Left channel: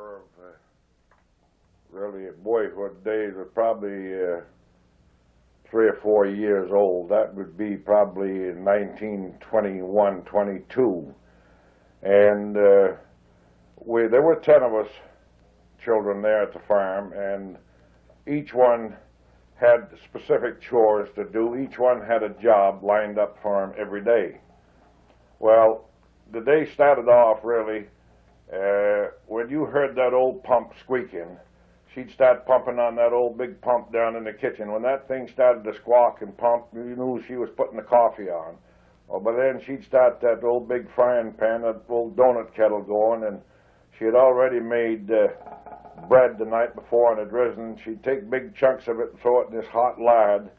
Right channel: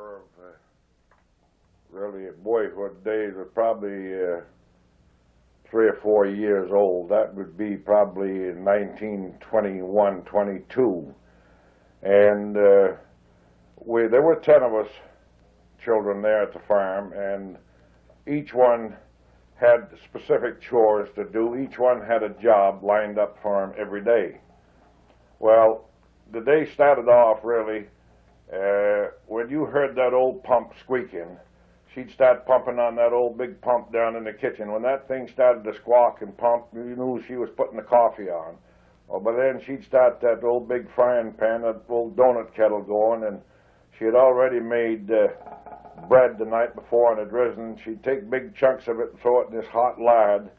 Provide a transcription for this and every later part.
Of really boyhood days was probably 3 or 4 years old. That would be probably in 1921, 22. And there were 10 of us children there at the farm, and each one had specific chores to do. Each one had a job lined up for him every day. Well, the day started off really when you heard that old pump squeaking. She'd start pumping on that old big pump down in the kitchen. When that thing started to squawk and pump, you knew she was putting the coffee on. Well, by then she'd start that old big frying pan, that old donut kettle going, and she had already made bread the night before and had risen. She'd take big chunks of it and throw it in this hot lard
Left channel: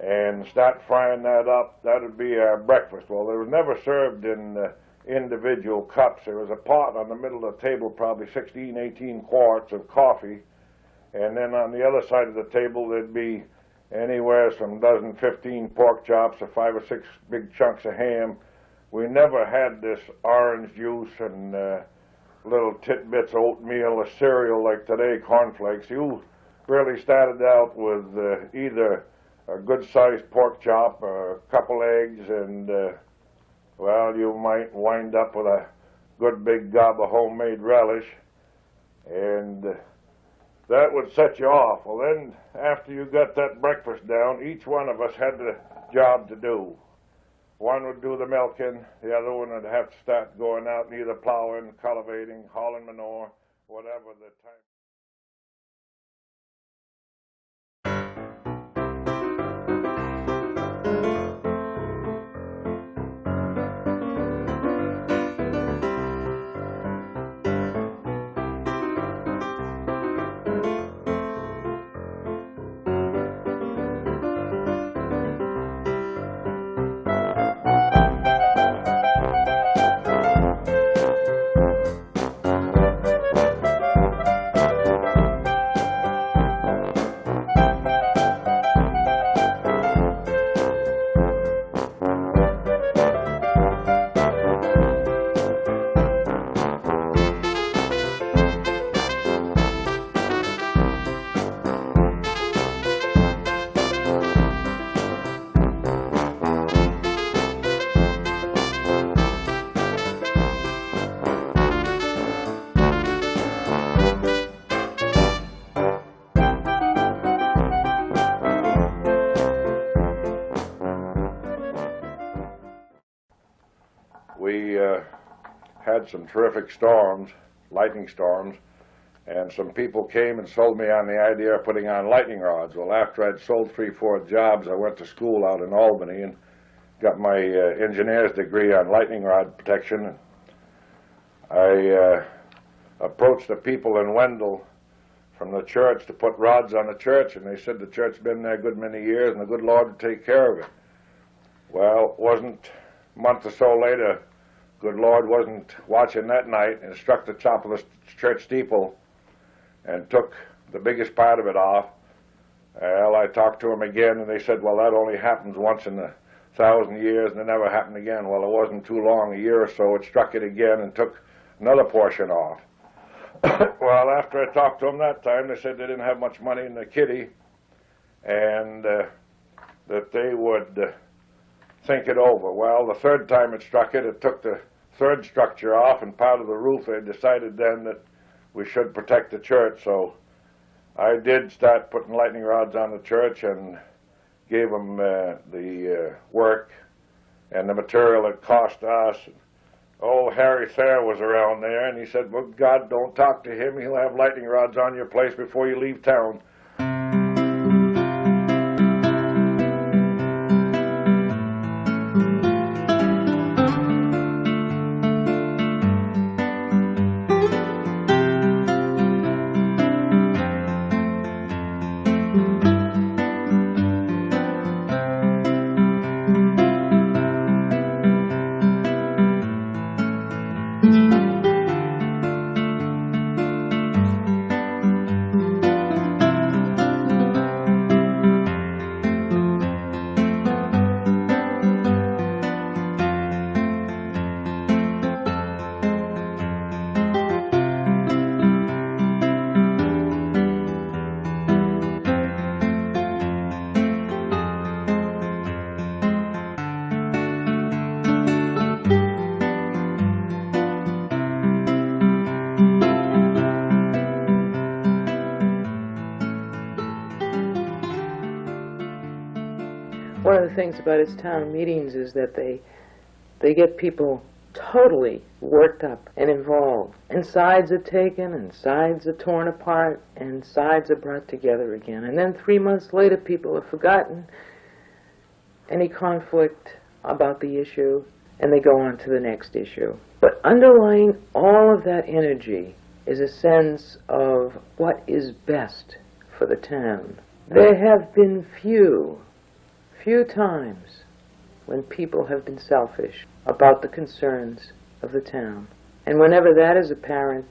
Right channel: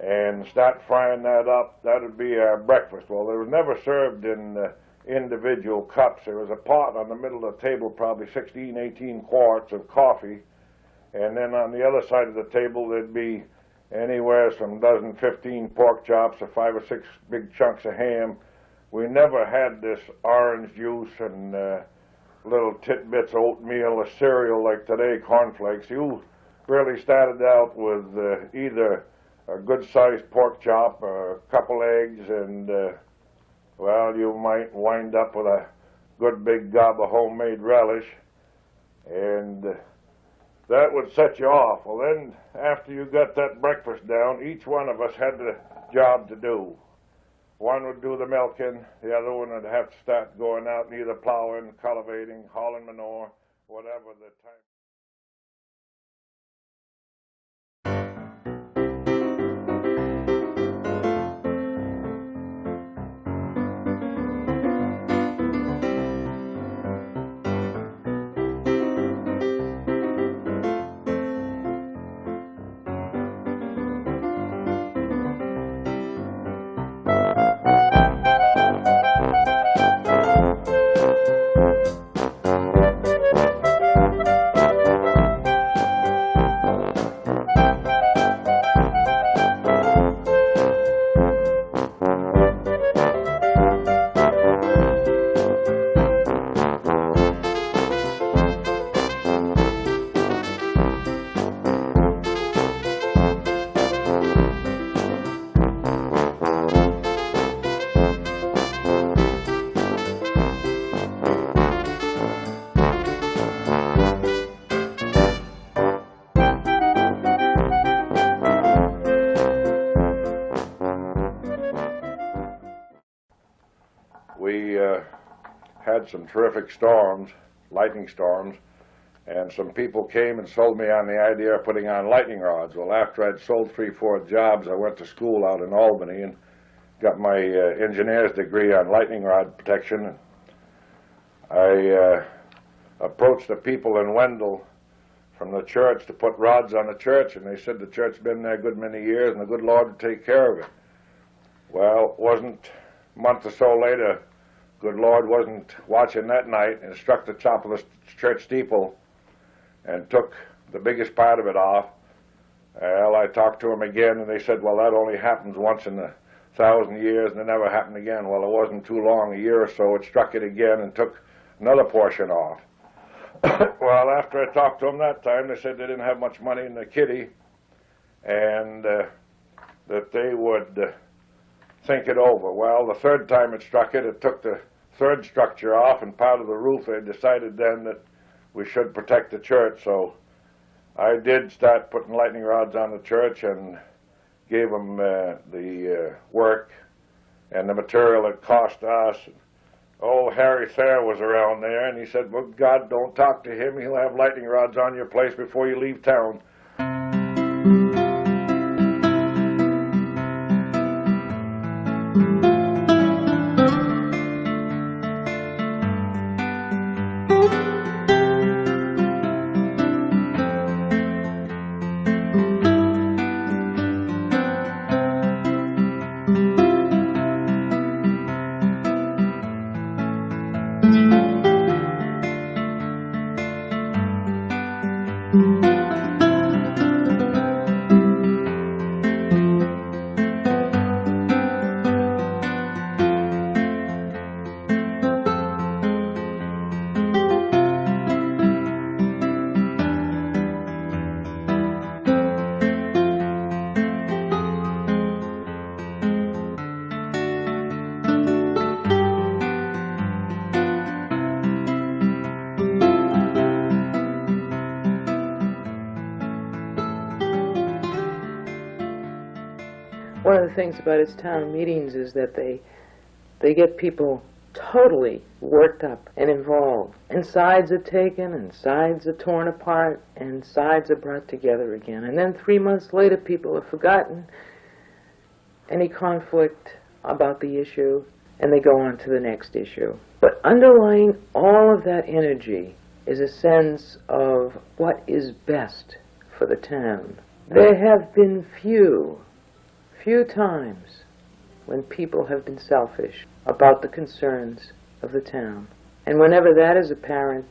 and start frying that up. That would be our breakfast. Well, it was never served in individual cups. There was a pot on the middle of the table, probably 16, 18 quarts of coffee, and then on the other side of the table there'd be anywhere from 12, 15 pork chops or 5 or 6 big chunks of ham. We never had this orange juice and little tidbits of oatmeal or cereal like today, cornflakes. You really started out with either a good-sized pork chop or a couple eggs, and well, you might wind up with a good big gob of homemade relish, and that would set you off. Well, then, after you got that breakfast down, each one of us had a job to do. One would do the milking, the other one would have to start going out and either plowing, cultivating, hauling manure, whatever the time. We had some terrific storms, lightning storms, and some people came and sold me on the idea of putting on lightning rods. Well, after I'd sold 3 or 4 jobs, I went to school out in Albany and got my engineer's degree on lightning rod protection. I approached the people in Wendell from the church to put rods on the church, and they said the church had been there a good many years and the good Lord would take care of it. Well, it wasn't a month or so later, good Lord wasn't watching that night and struck the top of the church steeple and took the biggest part of it off. Well, I talked to them again, and they said, well, that only happens once in 1,000 years, and it never happened again. Well, it wasn't too long, a year or so, it struck it again and took another portion off. Well, after I talked to them that time, they said they didn't have much money in the kitty, and that they would think it over. Well, the third time it struck it, it took the third structure off and part of the roof. They decided then that we should protect the church, so I did start putting lightning rods on the church and gave them the work and the material it cost us. Old Harry Thayer was around there, and he said, well, God, don't talk to him. He'll have lightning rods on your place before you leave town. things about its town meetings is that they get people totally worked up and involved, and sides are taken, and sides are torn apart, and sides are brought together again. And then 3 months later, people have forgotten any conflict about the issue, and they go on to the next issue. But underlying all of that energy is a sense of what is best for the town. There have been few times when people have been selfish about the concerns of the town. And whenever that is apparent,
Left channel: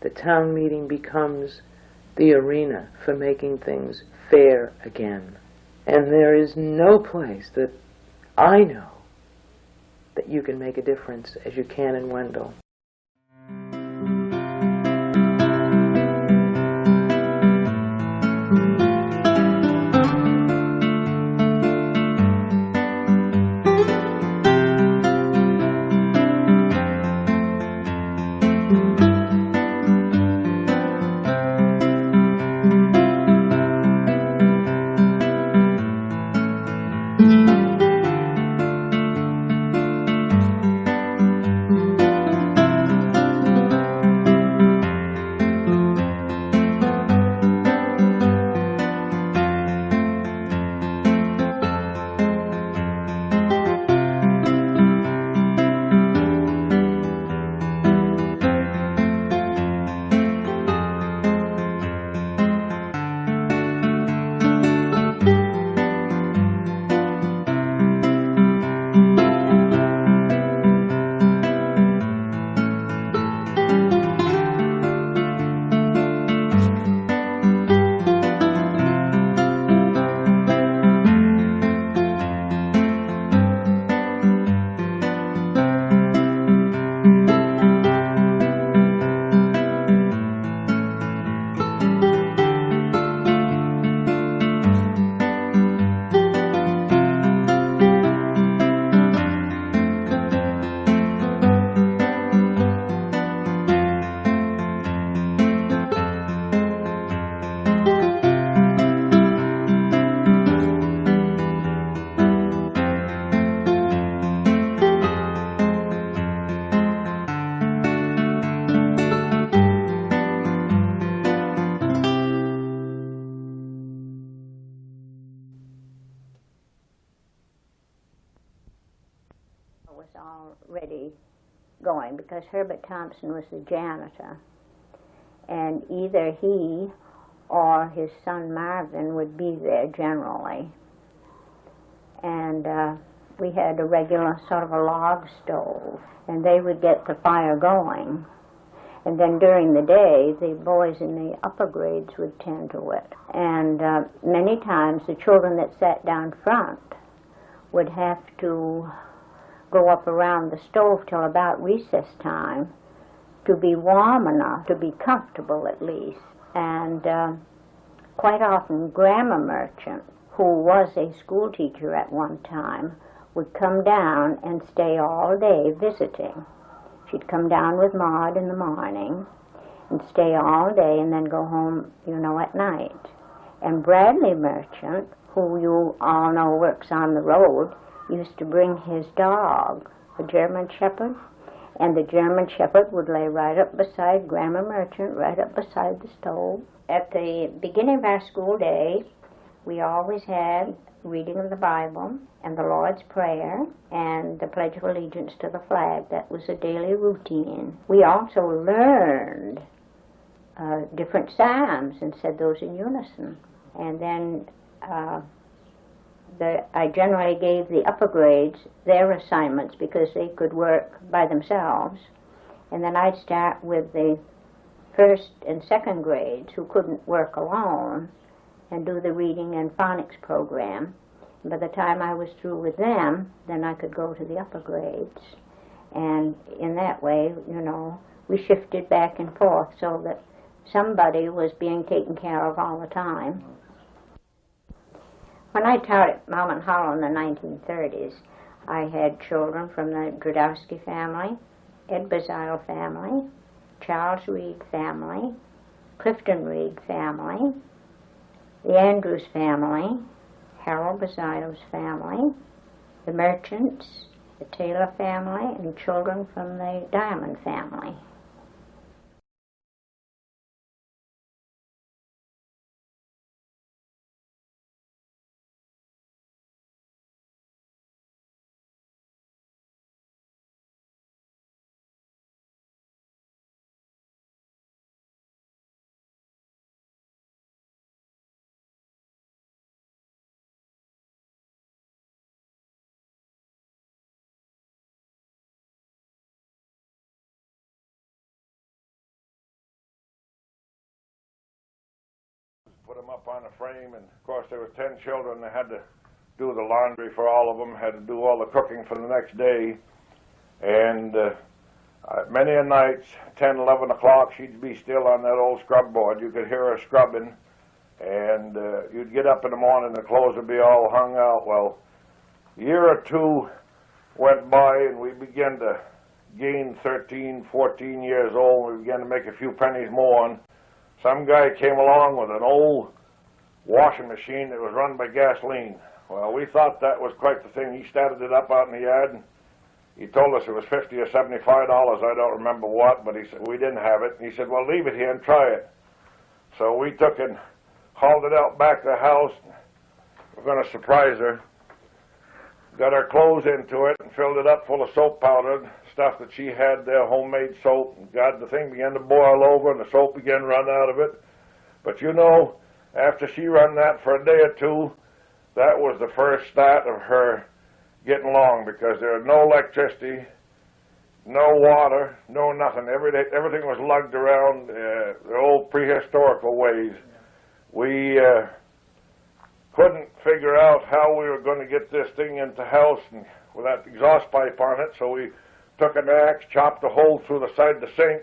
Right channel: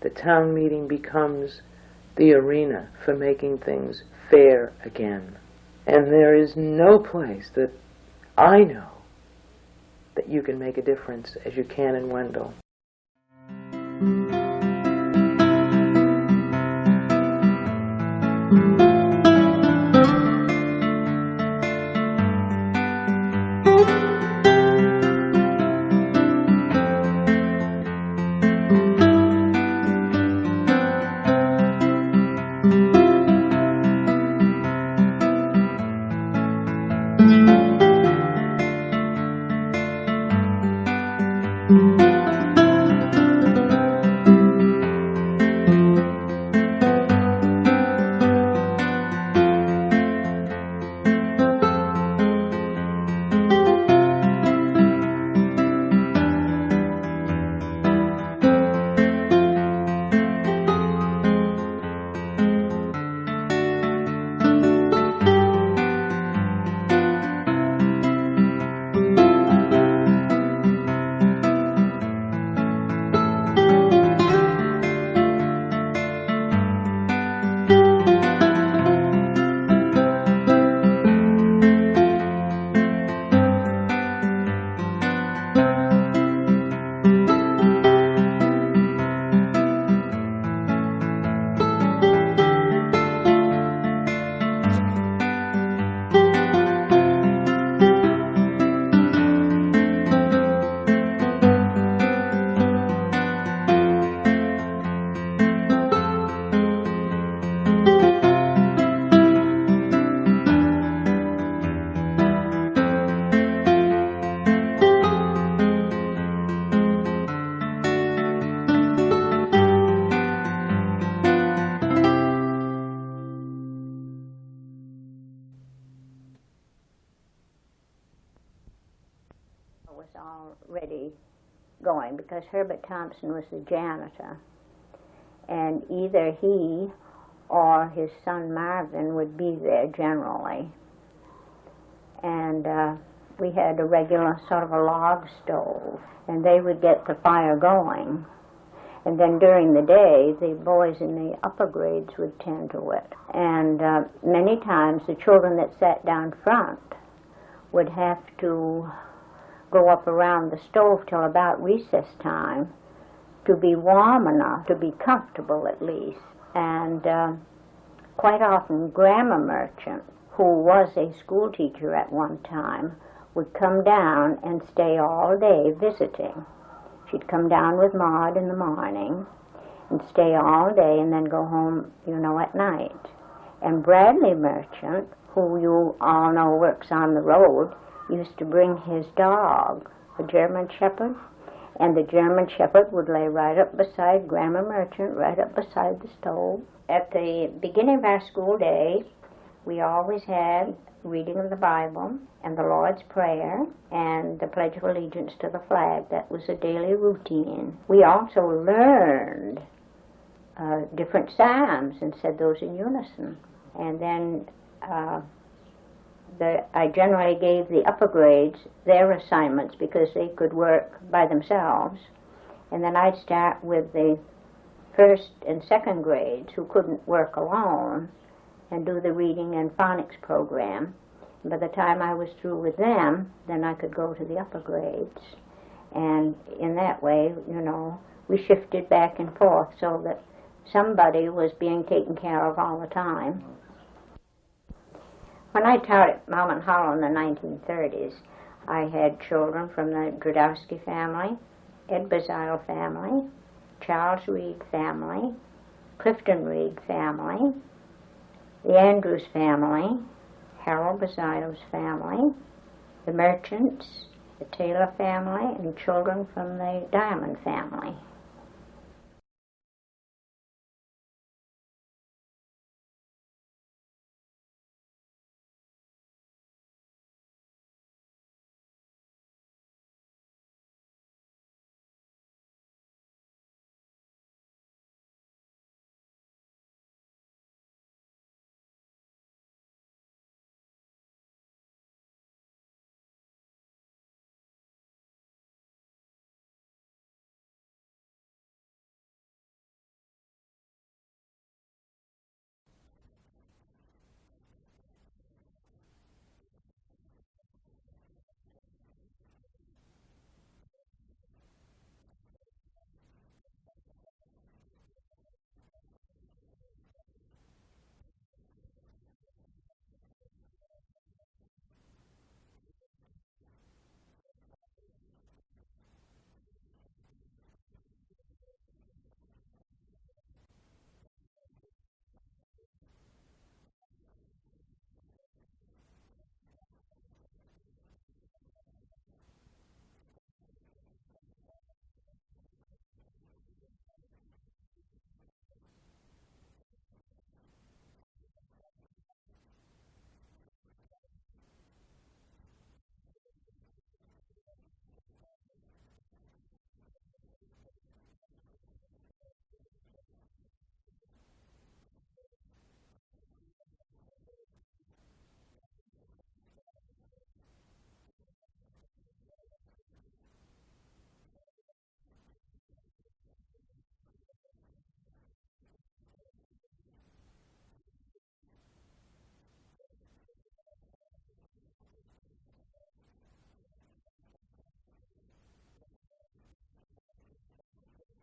the town meeting becomes the arena for making things fair again. And there is no place that I know that you can make a difference as you can in Wendell. Was already going because Herbert Thompson was the janitor, and either he or his son Marvin would be there generally. And we had a regular sort of a log stove, and they would get the fire going. And then during the day, the boys in the upper grades would tend to it. And many times the children that sat down front would have to go up around the stove till about recess time to be warm enough, to be comfortable at least. And quite often Grandma Merchant, who was a school teacher at one time, would come down and stay all day visiting. She'd come down with Maud in the morning and stay all day and then go home, at night. And Bradley Merchant, who you all know works on the road, used to bring his dog, a German Shepherd, and the German Shepherd would lay right up beside Grandma Merchant, right up beside the stove. At the beginning of our school day, we always had reading of the Bible and the Lord's Prayer and the Pledge of Allegiance to the flag. That was a daily routine. We also learned different psalms and said those in unison. And then I generally gave the upper grades their assignments because they could work by themselves. And then I'd start with the first and second grades who couldn't work alone and do the reading and phonics program. And by the time I was through with them, then I could go to the upper grades. And in that way, we shifted back and forth so that somebody was being taken care of all the time. When I taught at Mountain Hollow in the 1930s, I had children from the Judice family, Ed Bazile family, Charles Reed family, Clifton Reed family, the Andrews family, Harold Basido's family, the Merchants, the Taylor family, and children from the Diamond family. Put them up on a frame, and of course there were 10 children. They had to do the laundry for all of them, had to do all the cooking for the next day, and many a night, 10, 11 o'clock, she'd be still on that old scrub board. You could hear her scrubbing, and you'd get up in the morning, the clothes would be all hung out. Well, a year or two went by, and we began to gain 13, 14 years old. We began to make a few pennies more, and some guy came along with an old washing machine that was run by gasoline. Well, we thought that was quite the thing. He started it up out in the yard, and he told us it was $50 or $75. I don't remember what, but he said we didn't have it. And he said, well, leave it here and try it. So we took and hauled it out back to the house. We're going to surprise her. Got our clothes into it and filled it up full of soap powder, stuff that she had there, homemade soap. And God, the thing began to boil over and the soap began to run out of it. But you know, after she run that for a day or two, that was the first start of her getting along, because there was no electricity, no water, no nothing. Everything was lugged around the old prehistorical ways. We couldn't figure out how we were going to get this thing into the house and with that exhaust pipe on it, so we took an axe, chopped a hole through the side of the sink,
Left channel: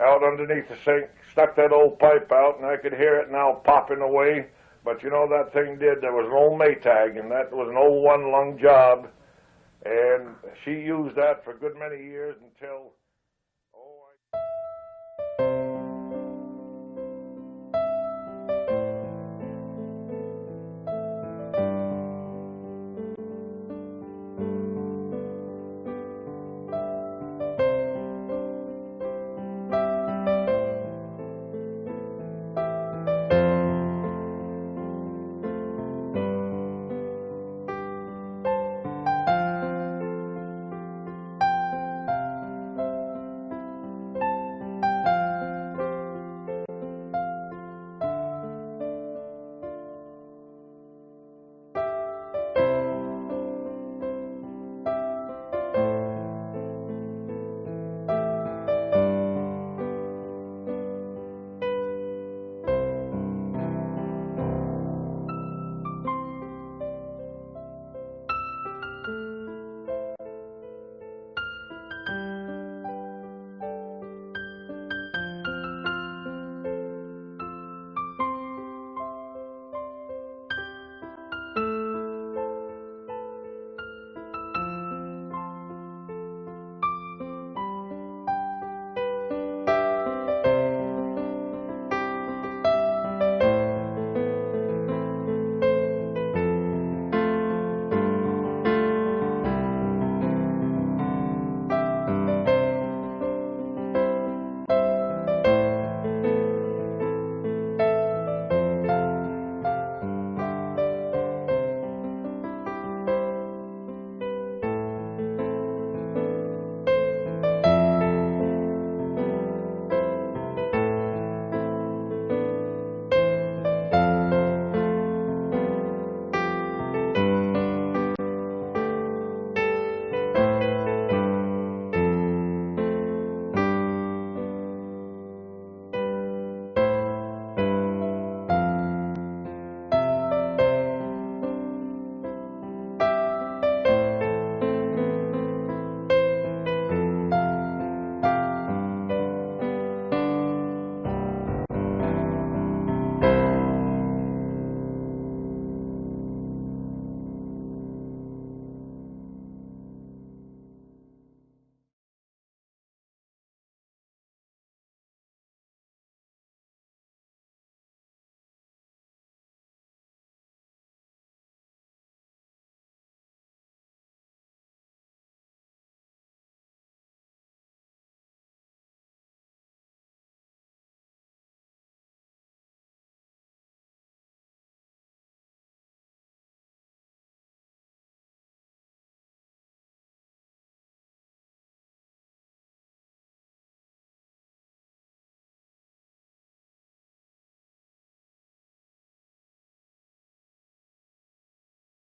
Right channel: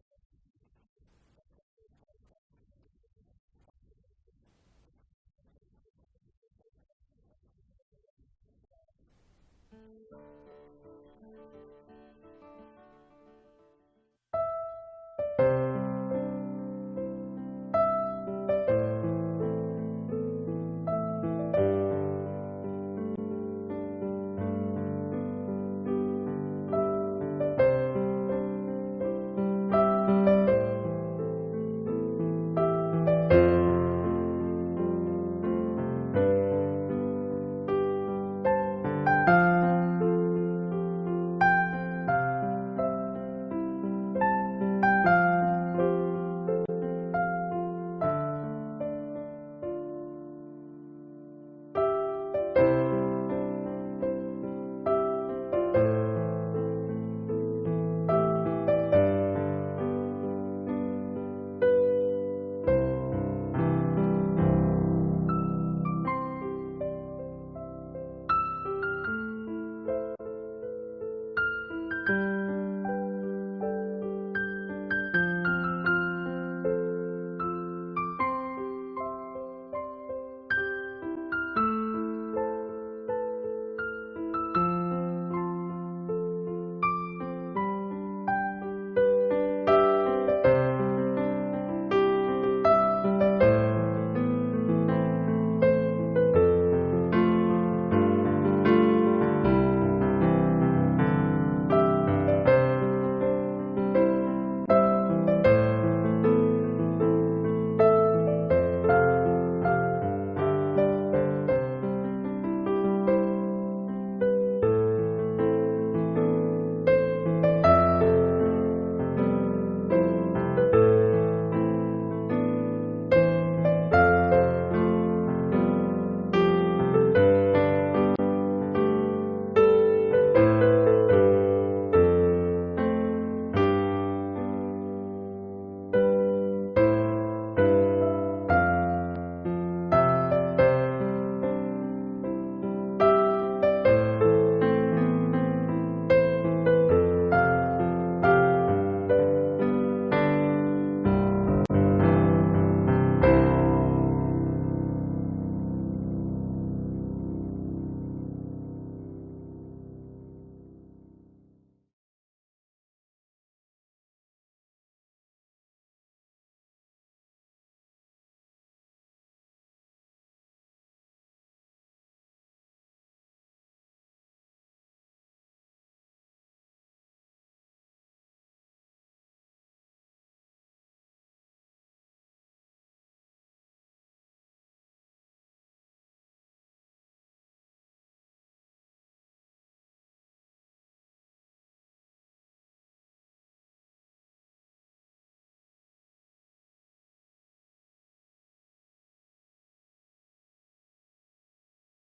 out underneath the sink, stuck that old pipe out, and I could hear it now popping away. But you know that thing did, there was an old Maytag, and that was an old one-lung job, and she used that for a good many years until